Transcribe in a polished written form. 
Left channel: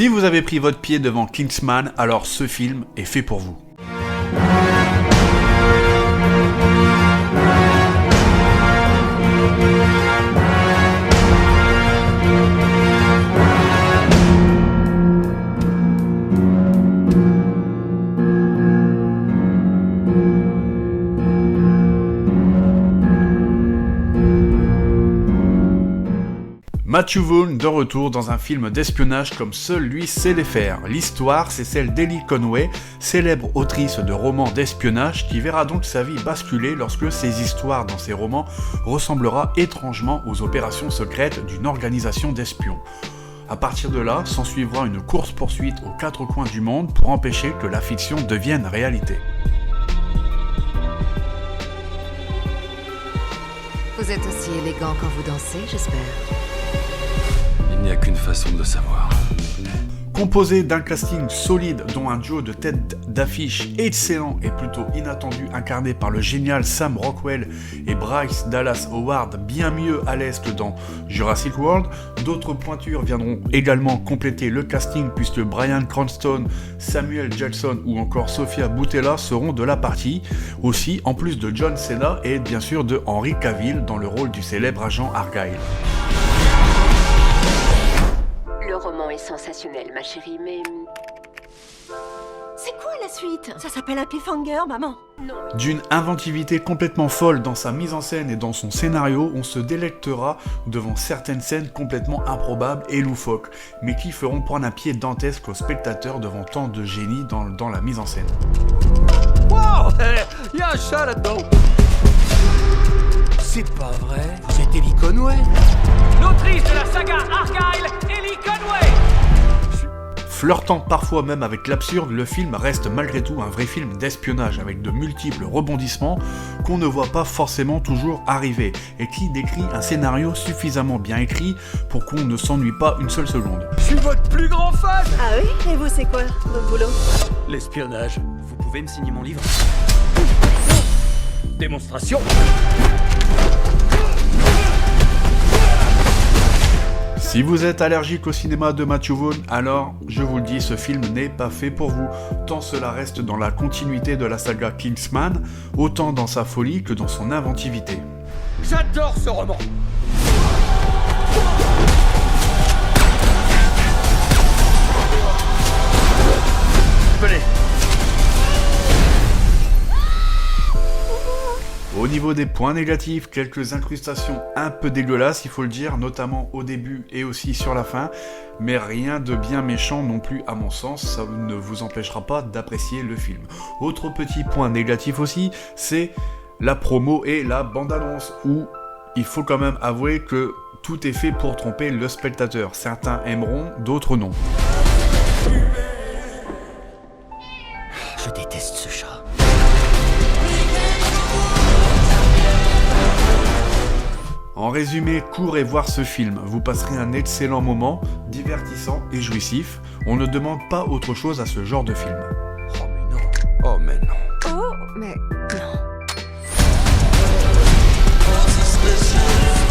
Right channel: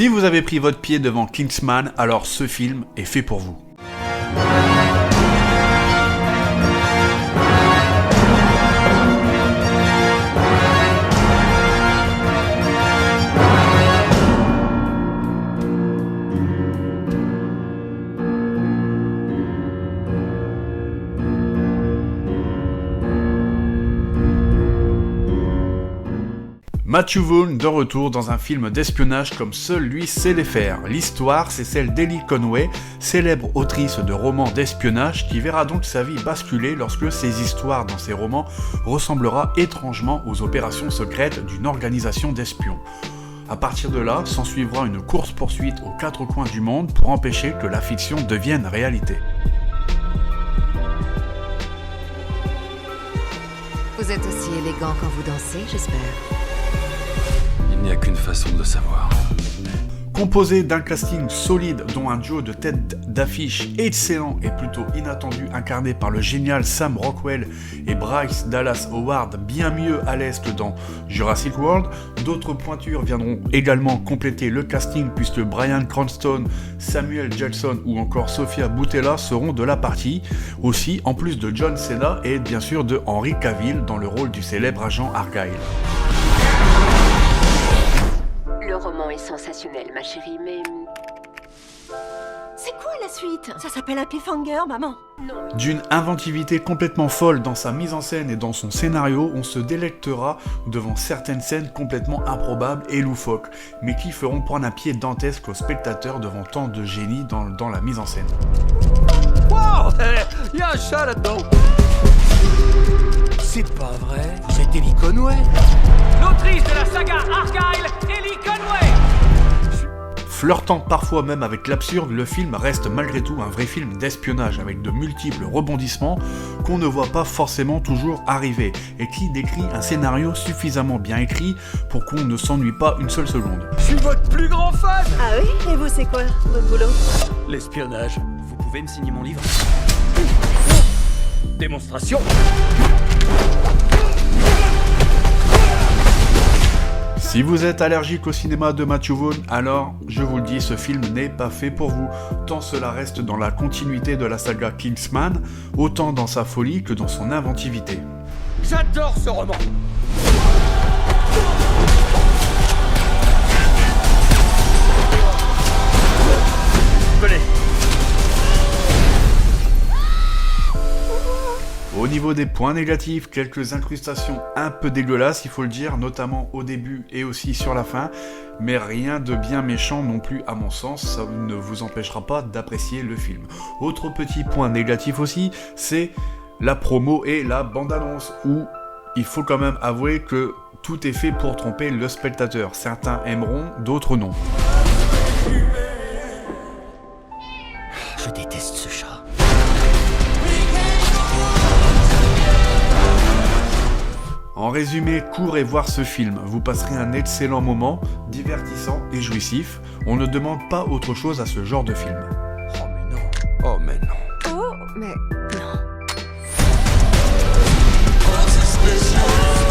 Si vous avez pris votre pied devant Kingsman, alors ce film est fait pour vous. Matthew Vaughn de retour dans un film d'espionnage comme seul lui sait les faire. L'histoire, c'est celle d'Ellie Conway, célèbre autrice de romans d'espionnage qui verra donc sa vie basculer lorsque ses histoires dans ses romans ressemblera étrangement aux opérations secrètes d'une organisation d'espions. À partir de là, s'ensuivra une course-poursuite aux quatre coins du monde pour empêcher que la fiction devienne réalité. Vous êtes aussi élégant quand vous dansez, j'espère. Il n'y a qu'une façon de le savoir. Composé d'un casting solide dont un duo de tête d'affiche excellent et plutôt inattendu incarné par le génial Sam Rockwell et Bryce Dallas Howard bien mieux à l'aise que dans Jurassic World, d'autres pointures viendront également compléter le casting puisque Bryan Cranston, Samuel Jackson ou encore Sofia Boutella seront de la partie, aussi en plus de John Cena et bien sûr de Henry Cavill dans le rôle du célèbre agent Argyle. Le roman est sensationnel, ma chérie, mais... C'est quoi la suite? Ça s'appelle un cliffhanger, maman. Non. D'une inventivité complètement folle dans sa mise en scène et dans son scénario, on se délectera devant certaines scènes complètement improbables et loufoques, mais qui feront prendre un pied dantesque aux spectateurs devant tant de génie dans la mise en scène. Wow, y a un chat là-dedans. C'est pas vrai. Vous êtes Ellie Conway. L'autrice de la saga Argyle, Ellie Conway. Flirtant parfois même avec l'absurde, le film reste malgré tout un vrai film d'espionnage avec de multiples rebondissements qu'on ne voit pas forcément toujours arriver et qui décrit un scénario suffisamment bien écrit pour qu'on ne s'ennuie pas une seule seconde. Je suis votre plus grand fan. Ah oui? Et vous, c'est quoi, votre boulot? L'espionnage. Vous pouvez me signer mon livre? Démonstration. Si vous êtes allergique au cinéma de Matthew Vaughn, alors, je vous le dis, ce film n'est pas fait pour vous, tant cela reste dans la continuité de la saga Kingsman, autant dans sa folie que dans son inventivité. J'adore ce roman. Venez. Au niveau des points négatifs, quelques incrustations un peu dégueulasses, il faut le dire, notamment au début et aussi sur la fin, mais rien de bien méchant non plus à mon sens, ça ne vous empêchera pas d'apprécier le film. Autre petit point négatif aussi, c'est la promo et la bande-annonce, où il faut quand même avouer que tout est fait pour tromper le spectateur. Certains aimeront, d'autres non. Je déteste ce chat. En résumé, courez voir ce film, vous passerez un excellent moment, divertissant et jouissif. On ne demande pas autre chose à ce genre de film. Oh mais non. Oh mais non. Oh, mais non. Special.